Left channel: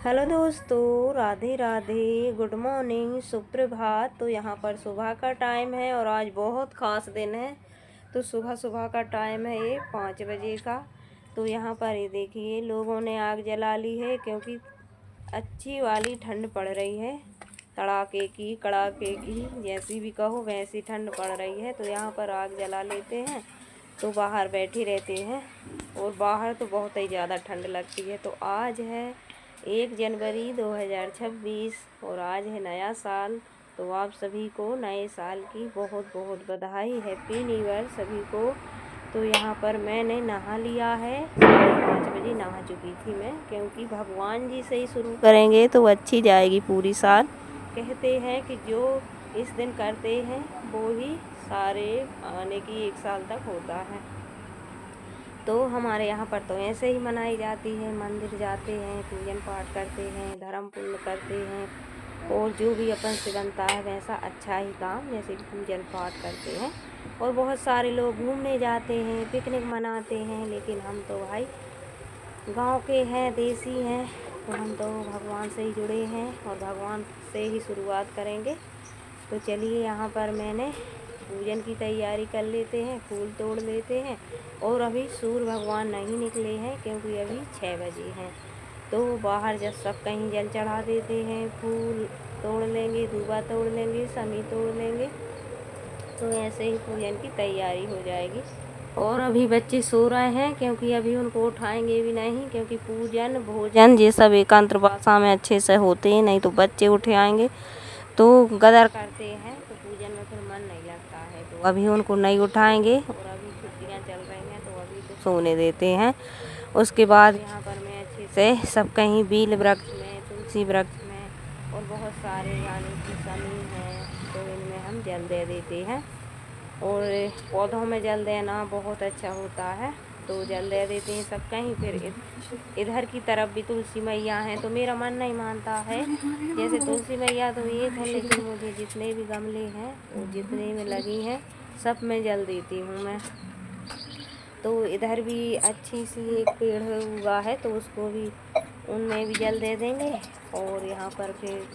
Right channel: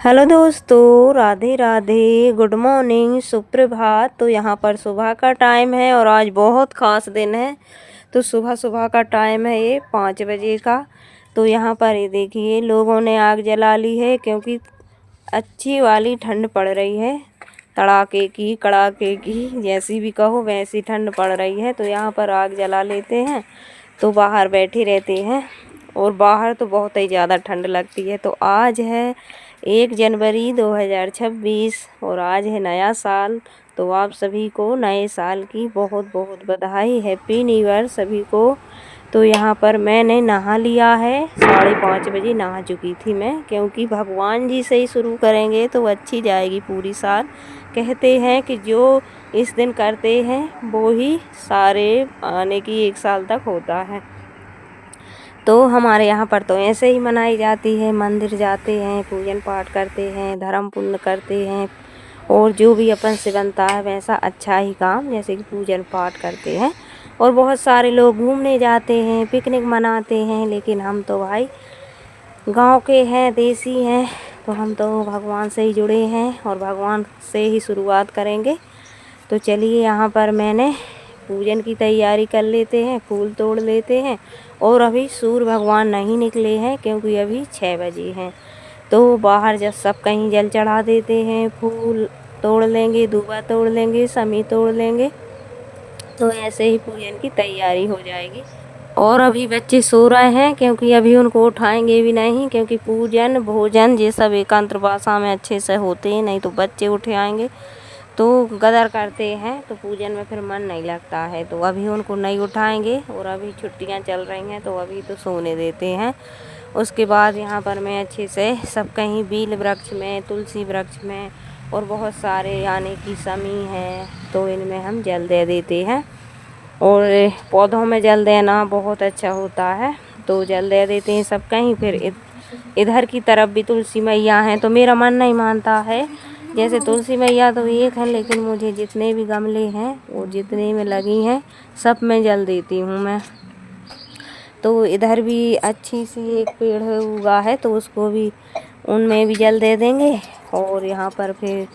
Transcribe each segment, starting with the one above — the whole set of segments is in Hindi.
हेलो दोस्तों, राधे राधे, गुड मॉर्निंग, सुप्रभात। तो यहाँ पर सुबह का टाइम है और आज बहुत ख़ास दिन है। तो सुबह सुबह का टाइम है ये 5 बजे का। तो यहाँ पर ये देखिए लोगों ने आग जला ली है क्योंकि अच्छी वाली ठंड पड़ रही है। तड़ाके की कड़ाके की जैसी भी कहो वैसी ठंड पड़ रही है। तो यहाँ पर आग जला लेते हैं तो बाहर बैठे रहते हैं और बाहर तो बहुत ही ज़्यादा ठंड लगती है। तो आज है 1 जनवरी 2026 और आज है नया साल। तो आप सभी को नए साल की बहुत बहुत बधाई, हैप्पी न्यू ईयर सभी को। तो यहाँ पर मैंने नहा लिया है, 5:30 बजे नहा चुकी थी मैं, क्योंकि भगवान जी से ही शुरू करेंगे तो अच्छी जाएगी पूरी साल। कहते हैं कि जो इस दिन करते हैं वो ही सारे आने की 1 साल तक होता है। तो हमारे यहाँ पर तो ऐसे ही मनाई जाती है। मंदिर जाते हैं, पूजन पाठ करते हैं, धर्म पुण्य करते हैं और जो भी अपन से बनता है वैसा अच्छा ही काम, जैसे कि पूजन पाठ करते हैं। और बहुत सारे लोग घूमने जाते हैं, पिकनिक मनाते हैं, लेकिन हम तो भाई गांव के हैं, देसी हैं, तो हम तो भगवान से ही जुड़े हैं और भगवान से ही शुरुआत करेंगे। तो चलिए यहाँ पर मैंने पूजन की तैयारी कर लेते हैं, फूल तोड़ लेते हैं। और अभी सूर्य भगवान नहीं निकले हैं क्योंकि अभी 6 बजे हैं। तो बाहर जब सब कहीं जल चढ़ा देते हैं, फूल तोड़ लेंगे, दूबा तोड़ लेंगे, समी तोड़ लेंगे। तो ऐसे ही पूजन की तैयारी हो जाएगी। और अभी बच्चे सो रहे हैं क्योंकि अभी उनको उठाएंगे भी नहीं, क्योंकि पूजन भोजन ये सब एकांत भाषा में अच्छे से होते हैं, नहीं तो बच्चे उठे आएंगे तो गदर करते हैं, तो पूजन में फिर मन नहीं लगता है। तो अभी उनको नहीं उठाएंगे और अभी छुट्टियां चल रही हैं तो अभी तो सोने देते हैं। उसके बाद यहाँ पर मैं अच्छे से सब कहीं बील वृक्ष में, तुलसी वृक्ष में और बहुत सारे यानी कि समी है तो इनमें हम जल दे देते हैं। और पौधों में जल देना बहुत अच्छा होता है, तो जल दे देते हैं सब कहीं। फिर इधर की तरफ भी तुलसी मैया हैं तो मेरा मन नहीं मानता है। जैसे तुलसी मैया तो एक है, लेकिन मुझे जितने भी गमले हैं वो जितने में लगी हैं सब में जल देती हूँ मैं। तो इधर भी अच्छी सी एक पेड़ है उगा है तो उसको भी, उनमें भी जल दे देंगे। और यहाँ पर फिर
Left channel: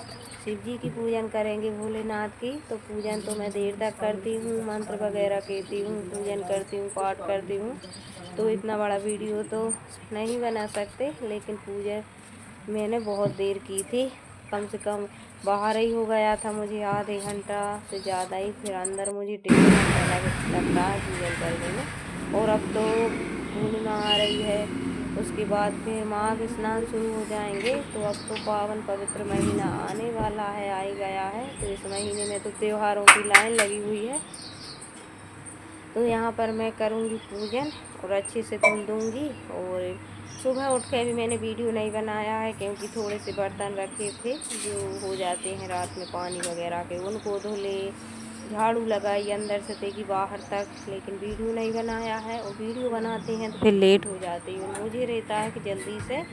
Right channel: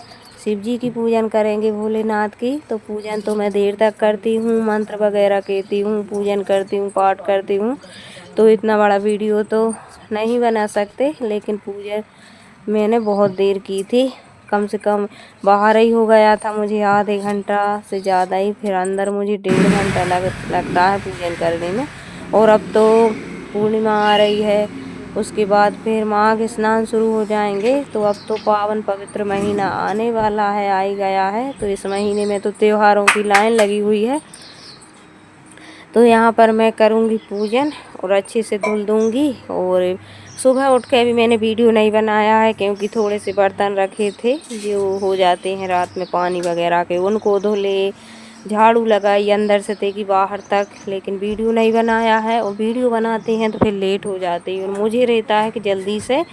शिव जी की पूजन करेंगे, भोलेनाथ की। तो पूजन तो मैं देर तक करती हूँ, मंत्र वगैरह कहती हूँ, पूजन करती हूँ, पाठ करती हूँ। तो इतना बड़ा वीडियो तो नहीं बना सकते, लेकिन पूजन मैंने बहुत देर की थी, कम से कम बाहर ही हो गया था मुझे आधे घंटा से ज़्यादा ही, फिर अंदर मुझे 1.5 घंटा लगता है पूजन करने में। और अब तो पूर्णिमा आ रही है, उसके बाद फिर माघ स्नान शुरू हो जाएंगे। तो अब तो पावन पवित्र महीना आने वाला है, आ ही गया है। तो इस महीने में तो त्योहारों की लाइन लगी हुई है। तो यहाँ पर मैं करूँगी पूजन और अच्छे से धुल दूँगी। और सुबह उठ के भी मैंने वीडियो नहीं बनाया है क्योंकि थोड़े से बर्तन रखे थे जो हो जाते हैं रात में पानी वगैरह के, उनको धुले, झाड़ू लगाई अंदर से ते कि बाहर तक, लेकिन वीडियो नहीं बनाया है। और वीडियो बनाते हैं तो फिर लेट हो जाती है और मुझे रहता है कि जल्दी से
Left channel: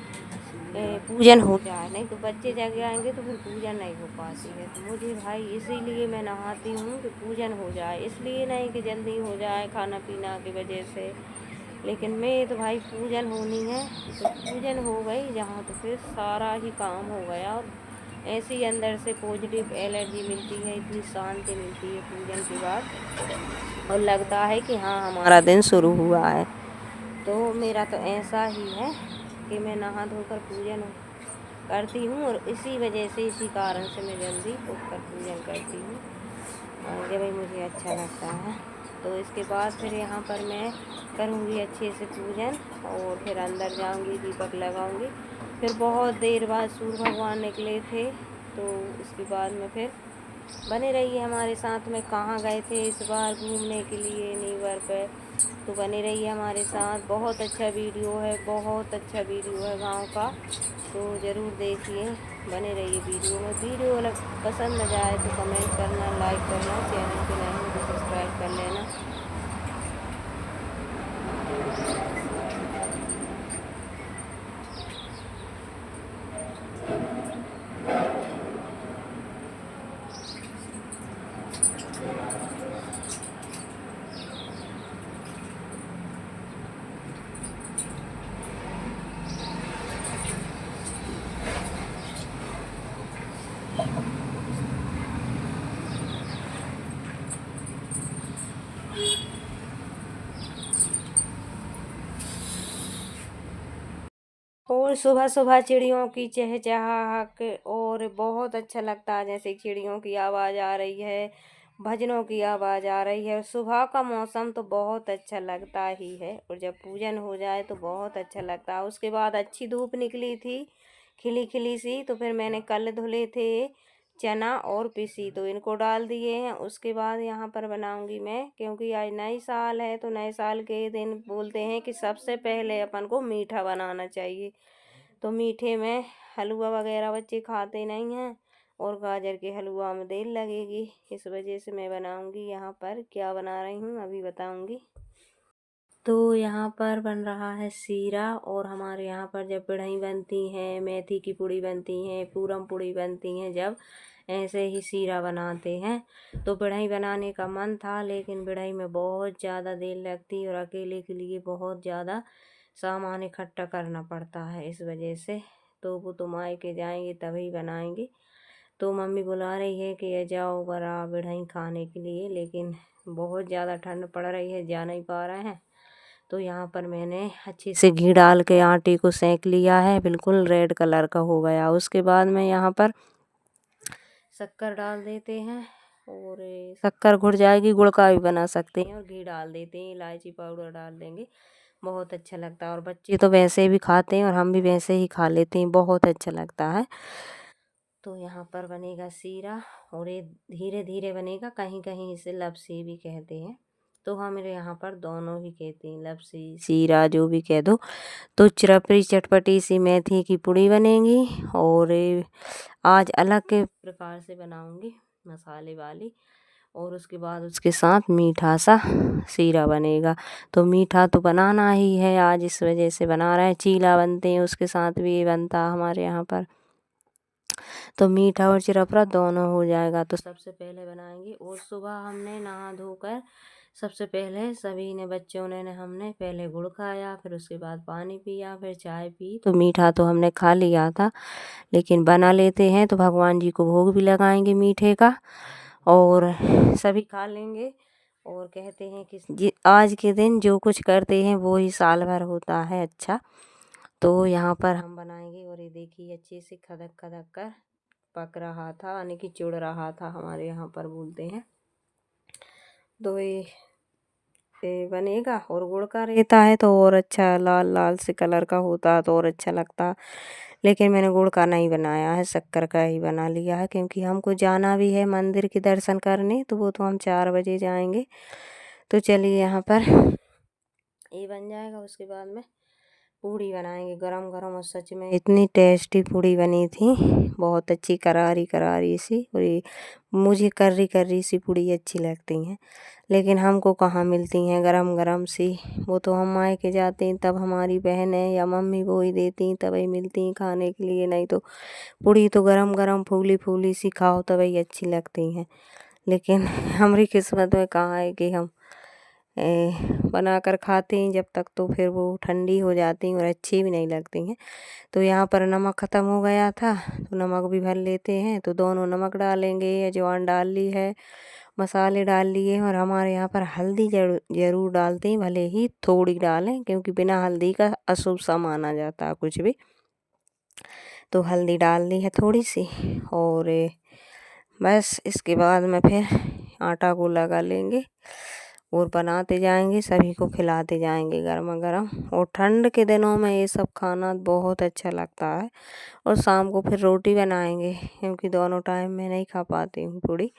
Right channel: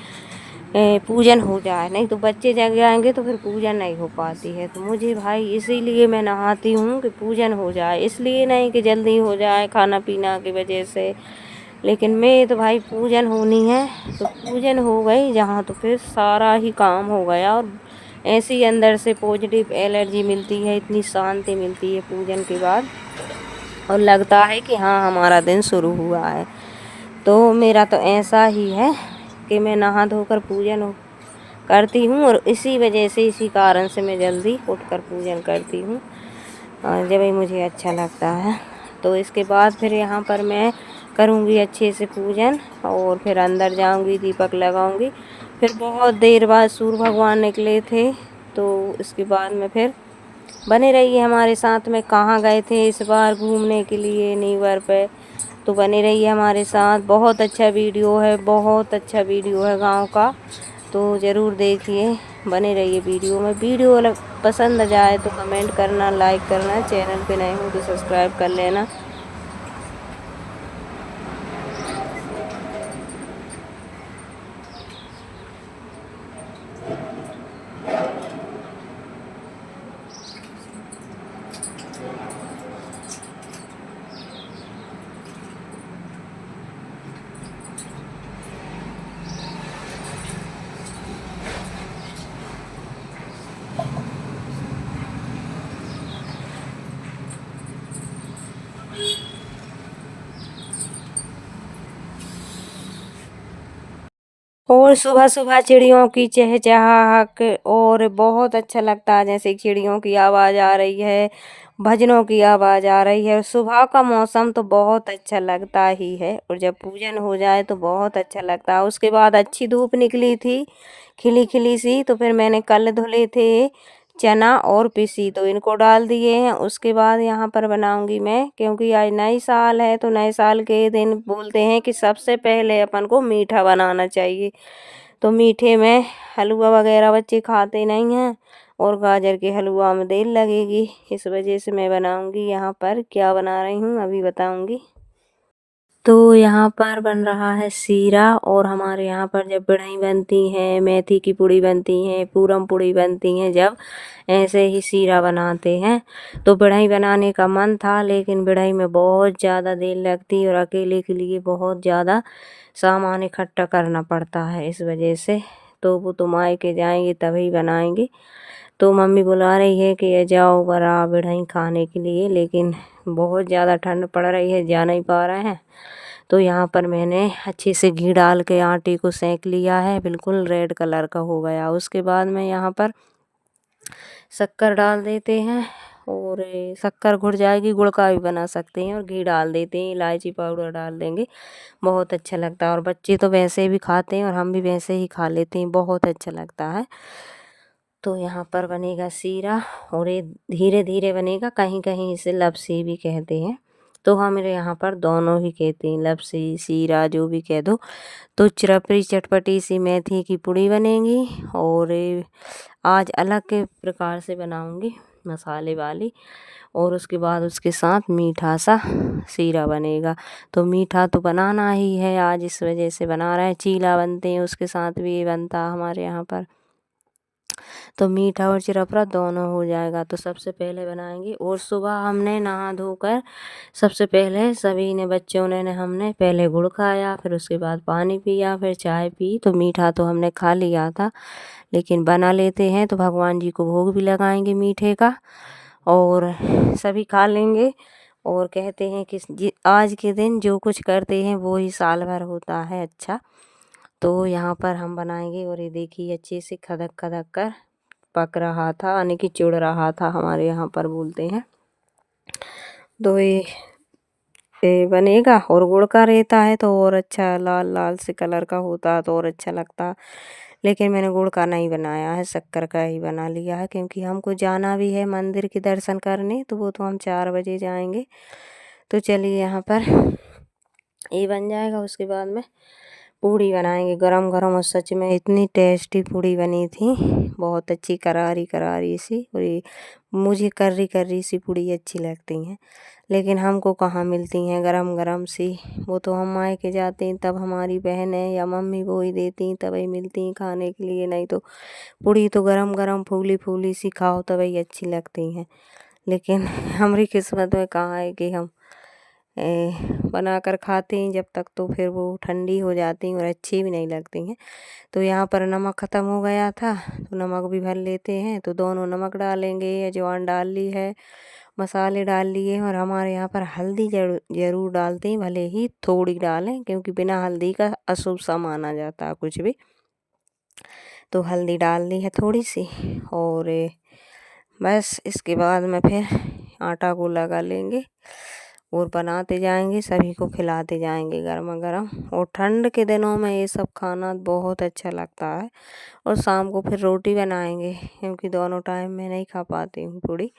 पूजन हो जाए, नहीं तो बच्चे जग जाएंगे तो फिर पूजन नहीं हो पाती है। तो मुझे भाई इसीलिए मैं नहाती हूँ कि पूजन हो जाए, इसलिए नहीं कि जल्दी हो जाए खाना पीना की वजह से। लेकिन मैं तो भाई पूजन होनी है तो पूजन हो गई जहाँ तो फिर सारा ही काम हो गया। और ऐसी अंदर से पॉजिटिव एनर्जी मिलती है, इतनी शांति मिलती है पूजन के बाद, और लगता है कि हाँ हमारा दिन शुरू हुआ है। तो मेरा तो ऐसा ही है कि मैं नहा धोकर पूजन करती हूँ और इसी वजह से, इसी कारण से मैं जल्दी उठकर पूजन करती हूँ जब भी मुझे अच्छा लगता है। तो इसके बाद फिर यहाँ पर मैं करूँगी अच्छे से पूजन और फिर अंदर जाऊँगी, दीपक लगाऊँगी। फिर बहुत देर बाद सूर्य भगवान निकले थे, तो इसके बाद में फिर बने रहिए हमारे साथ में। कहाँ गए थे इस बार घूमने के लिए न्यू ईयर पे, तो बने रहिए हमारे साथ। बहुत अच्छा वीडियो है, बहुत अच्छा वीडियो है गांव का, तो ज़रूर देखिए, बने रहिए वीडियो में। वीडियो पसंद आ जाए तो कमेंट करना, लाइक करना, चैनल पे नए हो तो सब्सक्राइब कर लेना। और सुबह सुबह चिड़ियों की चहचहाहट और बहुत अच्छा लगता है, जैसे चिड़ियों की आवाज़ आ रही है, भजनों की आवाज़ आ रही है। सुबह का मौसम तो बहुत अच्छा लगता ही है, और जब पूजन हो जाए तो बहुत अच्छा लगता है। उसके बाद अच्छी धूप निकली थी, खिली खिली सी, तो फिर मैंने कल धुले थे चना और पिसी, तो इनको डाल दिए हैं। उसके बाद यहाँ पर बनाऊंगी मैं, क्योंकि आज नई साल है, तो नए साल के दिन बोलते हैं कि सबसे पहले अपन को मीठा बनाना चाहिए। तो मीठे में हलवा वगैरह बच्चे खाते नहीं हैं, और गाजर के हलवा में देर लगेगी, इस वजह से मैं बनाऊंगी। यहाँ पर क्या बना रही हूँ अभी बताऊंगी। तो यहाँ पर बन रहा है सीरा, और हमारे यहाँ पर जब बढ़ई बनती हैं, मेथी की पूड़ी बनती हैं, पूरम पूड़ी बनती हैं, जब ऐसे ही सीरा बनाते हैं। तो बढ़ई बनाने का मन था, लेकिन बढ़ई में बहुत ज़्यादा देर लगती, और अकेले के लिए बहुत ज़्यादा सामान इकट्ठा करना पड़ता है, इस वजह से। तो वो तो मायके जाएंगे तभी बनाएंगे। तो मम्मी बुला रही है कि ये जाओ बरा बढ़ई खाने के लिए, लेकिन बहुत ज़्यादा ठंड पड़ रही है, जा नहीं पा रहे हैं। तो यहाँ पर मैंने अच्छे से घी डाल के आटे को सेंक लिया है, बिल्कुल रेड कलर का हो गया। उसके बाद में यहाँ पर शक्कर डाल देते हैं, और शक्कर घुल जाएगी, गुड़ का भी बना सकते हैं, और घी डाल देते हैं, इलायची पाउडर डाल देंगे, बहुत अच्छा लगता है। और बच्चे तो वैसे भी खाते हैं, और हम भी वैसे ही खा लेते हैं, बहुत अच्छा लगता है। तो यहाँ पर बनेगा सीरा, और ये धीरे धीरे बनेगा, कहीं कहीं इसे लपसी भी कहते हैं। तो हमारे यहाँ पर दोनों ही कहते हैं, लपसी सीरा जो भी कह दो। तो चिरपरी चटपटी सी मेथी की पूड़ी बनेगी, और आज अलग के प्रकार से बनाऊंगी, मसाले वाली। और उसके बाद उसके साथ मीठा सा सीरा बनेगा। तो मीठा तो बनाना ही है आज, इस वजह से बना रहे हैं। चीला बनते हैं, उसके साथ भी ये बनता हमारे यहाँ पर। तो मीठा और चिरपरा दोनों हो जाएगा। तो सबसे पहले बनाएंगे, और सुबह हमने नहा धोकर सबसे पहले सभी ने, बच्चों ने हमने पहले गुड़ खाया, फिर उसके बाद पानी पिया, फिर चाय पी। तो मीठा तो हमने खा लिया था, लेकिन बना लेते हैं तो भगवान जी को भोग भी लगाएंगे मीठे का, और सभी खा लेंगे। और कहते हैं कि आज के दिन जो कुछ करते हैं वो ही साल भर होता है अच्छा। तो यहाँ पर हम बनाएंगे, और ये देखिए अच्छे से खदक खदक कर पक रहा था, यानी कि चुड़ रहा था, हमारे यहाँ पर बोलते हैं। तो ये बनेगा, और गुड़ का रहता है तो और अच्छा लाल लाल से कलर का होता तो और अच्छा लगता। लेकिन मैंने गुड़ का नहीं बनाया है, शक्कर का ही बना लिया है, क्योंकि हमको जाना भी है मंदिर के दर्शन करने, तो वो तो हम 4 बजे जाएंगे। तो चलिए यहाँ पर ये बन जाएगा, उसके बाद में पूड़ी बनाएंगे गरम गरम। और सच में इतनी टेस्टी पूड़ी बनी थी, बहुत अच्छी करारी करारी सी। और ये मुझे कर्री कर्री सी पूड़ी अच्छी लगती हैं, लेकिन हमको कहाँ मिलती हैं गरम गरम सी। वो तो हम मायके जाते हैं तब हमारी बहनें या मम्मी वो ही देती हैं, तभी मिलती हैं खाने के लिए। नहीं तो पूड़ी तो गरम गरम फूली फूली सी खाओ तभी अच्छी लगती हैं। लेकिन हमारी किस्मत में कहाँ है कि हम बना कर खाते हैं जब तक, तो फिर वो ठंडी हो जाती हैं और अच्छी भी नहीं लगती हैं। तो यहाँ पर नमक ख़त्म हो गया था, तो नमक भी भर लेते हैं। तो दोनों नमक डालेंगे, अजवाइन डाल ली है, मसाले डाल लिए हैं। और हमारे यहाँ पर हल्दी ज़रूर डालते हैं, भले ही थोड़ी डालें, क्योंकि बिना हल्दी का अशुभ सा माना जाता है कुछ भी। तो हल्दी डाल दी है थोड़ी सी, और बस इसके बाद में फिर आटा को लगा लेंगे, और बनाते जाएंगे, सभी को खिलाते जाएंगे गरमा गरम। और ठंड के दिनों में ये सब खाना बहुत अच्छा लगता है। और शाम को फिर रोटी बनाएंगे, क्योंकि दोनों टाइम मैं नहीं खा पाती हूँ पूड़ी।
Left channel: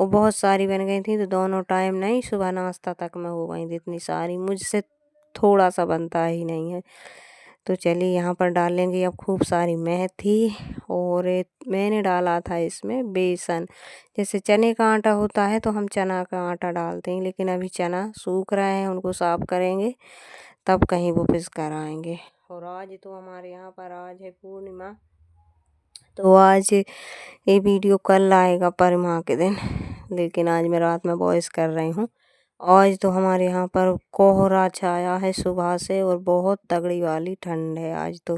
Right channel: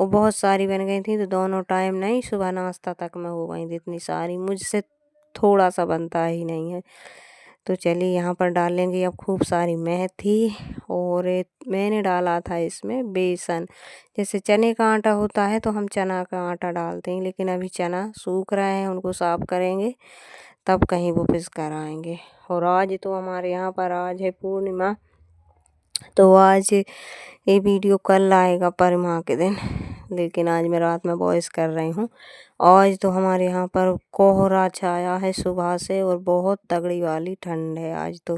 वो बहुत सारी बन गई थी, तो दोनों टाइम नहीं, सुबह नाश्ता तक में हो गई थी इतनी सारी, मुझसे थोड़ा सा बनता ही नहीं है। तो चलिए यहाँ पर डालेंगे अब खूब सारी मेथी, और मैंने डाला था इसमें बेसन। जैसे चने का आटा होता है तो हम चना का आटा डालते हैं, लेकिन अभी चना सूख रहे हैं, उनको साफ करेंगे तब कहीं वो पिस कर आएंगे। और आज तो हमारे यहाँ पर आज है पूर्णिमा, तो आज ये वीडियो कल आएगा पूर्णिमा के दिन, लेकिन आज मैं रात में वॉइस कर रही हूँ। आज तो हमारे यहाँ पर कोहरा छाया है सुबह से, और बहुत तगड़ी वाली ठंड है आज तो,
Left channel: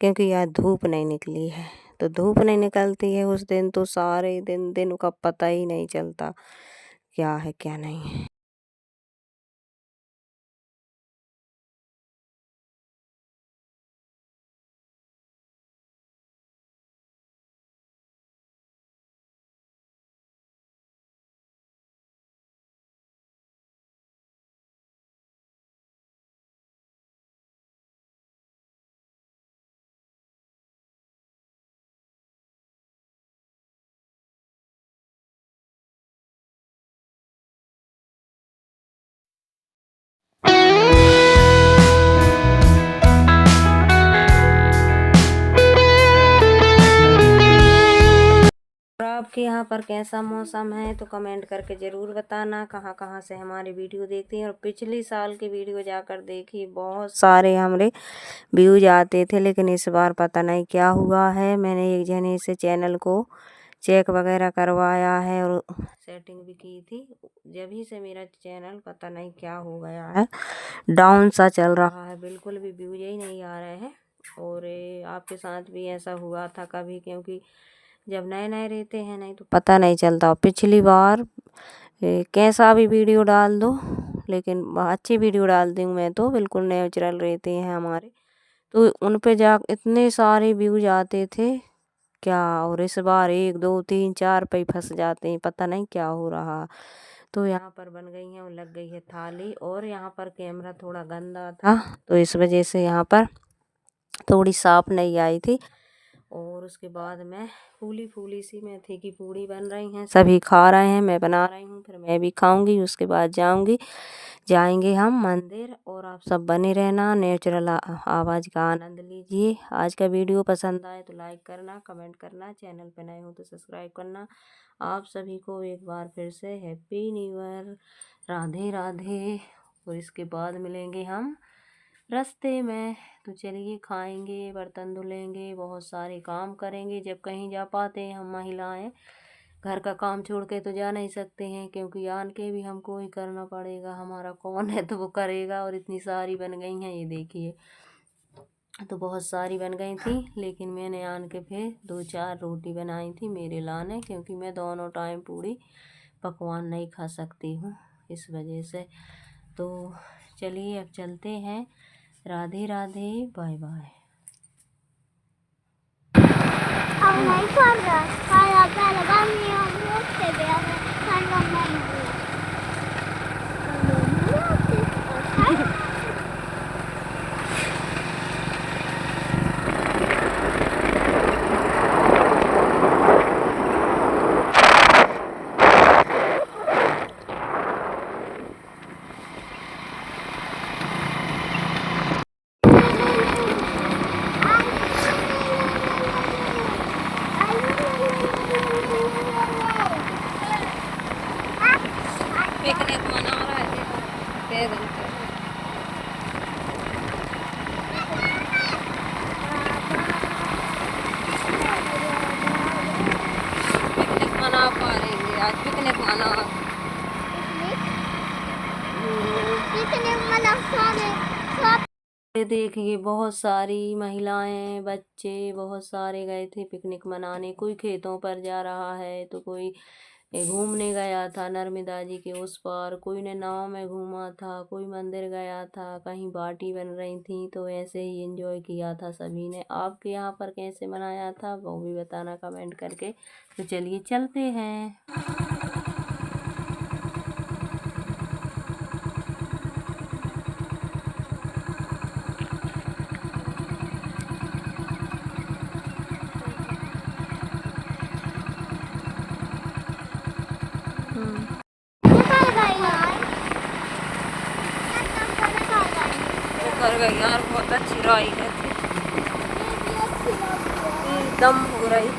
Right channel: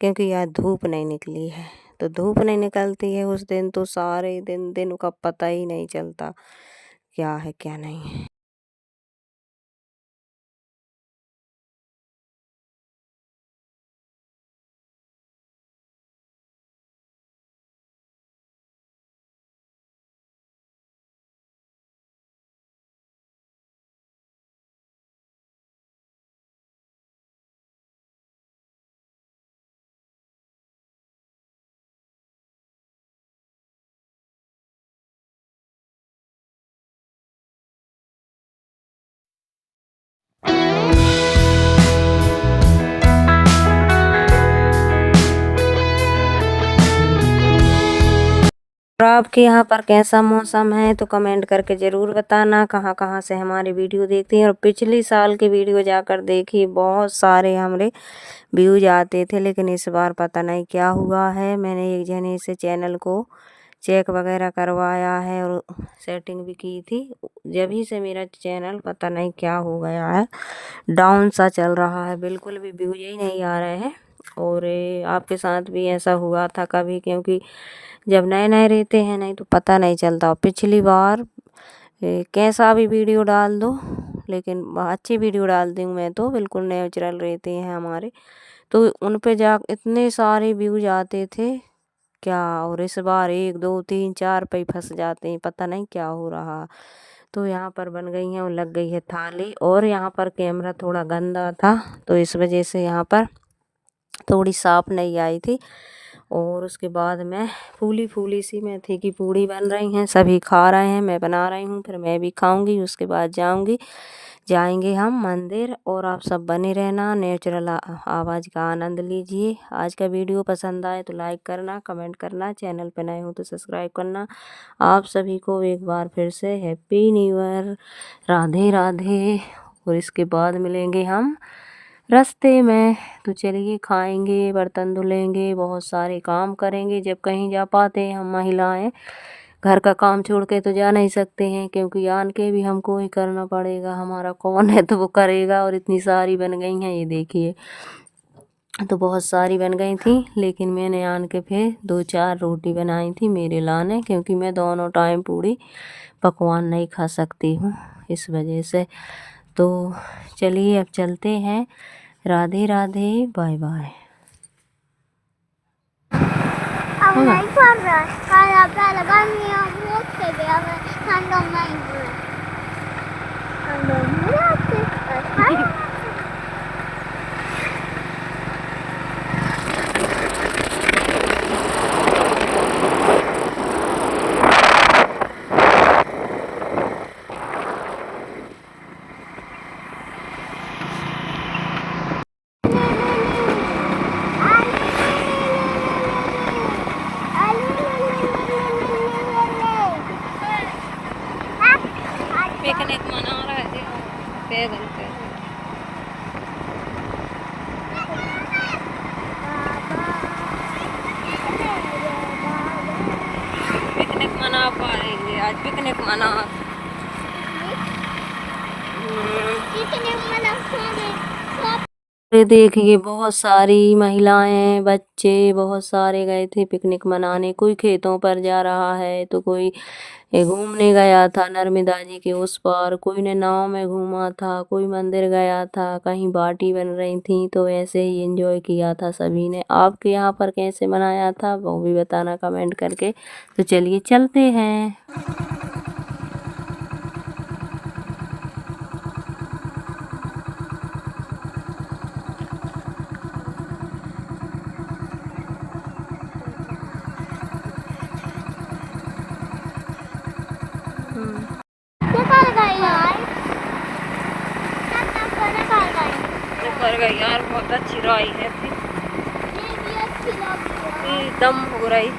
क्योंकि आज धूप नहीं निकली है। तो धूप नहीं निकलती है उस दिन, तो सारे दिन का पता ही नहीं चलता क्या है क्या नहीं है। आपके यहाँ पर कैसा मौसम है तो कमेंट करके ज़रूर बताना। कहाँ कहाँ से हमारे वीडियो देखते हैं और पिछले साल के वीडियो जाकर देखिए, बहुत सारे हमारे व्यूज आते थे, लेकिन इस बार पता नहीं क्या हुआ है। मैंने एक जने से चैनल को चेक वगैरह करवाया है और सेटिंग भी की थी, जब ही से मेरा चैनल पता नहीं क्या हो गया है, डाउन सा चल रहा है, बिल्कुल भी व्यूज ही नहीं आ रहे हैं। और आपके साथ भी ऐसा हुआ था कभी? क्योंकि जब नए नए रहते हैं नहीं तो पता नहीं चलता। पिछली बार कैसा भी वीडियो डाल दो, लेकिन अच्छी वीडियो डालती हूँ मैं तो, बिल्कुल नेचुरल रहते हैं हमारे, तो उन पे जा इतने सारे व्यूज आते थे क्या। और इस बार 1 2 3 4 पे फंस जाते हैं, पता नहीं क्या हो रहा। तो यहाँ पर बन गई है और लग गई है थाली, और यहाँ पर कैमरा थोड़ा गंदा था तो इस वजह से यहाँ पर थोड़ी साफ नहीं आई थी। और उसके बाद में फूली फूली सी मेथी की पूड़ी बन रही हैं, सभी खा रहे हैं, मैं बना रही हूँ, फिर मैं भी खाऊंगी। उसके बाद जाएंगे हम मंदिर। और आप सब बने रहना, नेचुरल आवाज़ का आनंद लीजिए। आज का वीडियो पसंद आए तो लाइक करना, कमेंट करना, चैनल पे नए हो तो सब्सक्राइब करना। आप सभी को एक बार फिर से happy new year, Radhe Radhe. और इसके बाद मिलेंगे हम रास्ते में, तो चलिए खाएंगे, बर्तन धुलेंगे, बहुत सारे काम करेंगे। जब कहीं जा पाते हैं हम महिलाएं, घर का काम छोड़ के तो जा नहीं सकते हैं, क्योंकि आन के भी हमको ही करना पड़ेगा, हमारा कौन है तो वो करेगा। और इतनी सारी बन गई हैं, ये देखिए, तो बहुत सारी बन गई थी, लेकिन मैंने आन के फिर 2 4 रोटी बनाई थी मेरे लाने, क्योंकि मैं दोनों टाइम पूरी पकवान नहीं खा सकती हूँ, इस वजह से। तो चलिए अब चलते हैं, Radhe Radhe, bye bye. Picnic मना रहे थे पैदल पैदल। पिकनिक मना पा रहे आज, पिकनिक मना देखिए, बहुत सारी महिलाएं, बच्चे बहुत सारे गए थे पिकनिक मनाने। कोई खेतों पर जा रहा है तो कोई घूमने गया था नर्मदा जी के उस पार, कोई ने नाव में घूमा था, कोई मंदिर गया था, कहीं बाटी बन रही थी, तो ऐसे ही एंजॉय किया था सभी ने। आपके यहाँ पर कैसे मनाया था वो भी बताना कमेंट करके। तो चलिए चलते हैं। कर गई यार, बहुत अच्छी राई है थी, दम हो रही।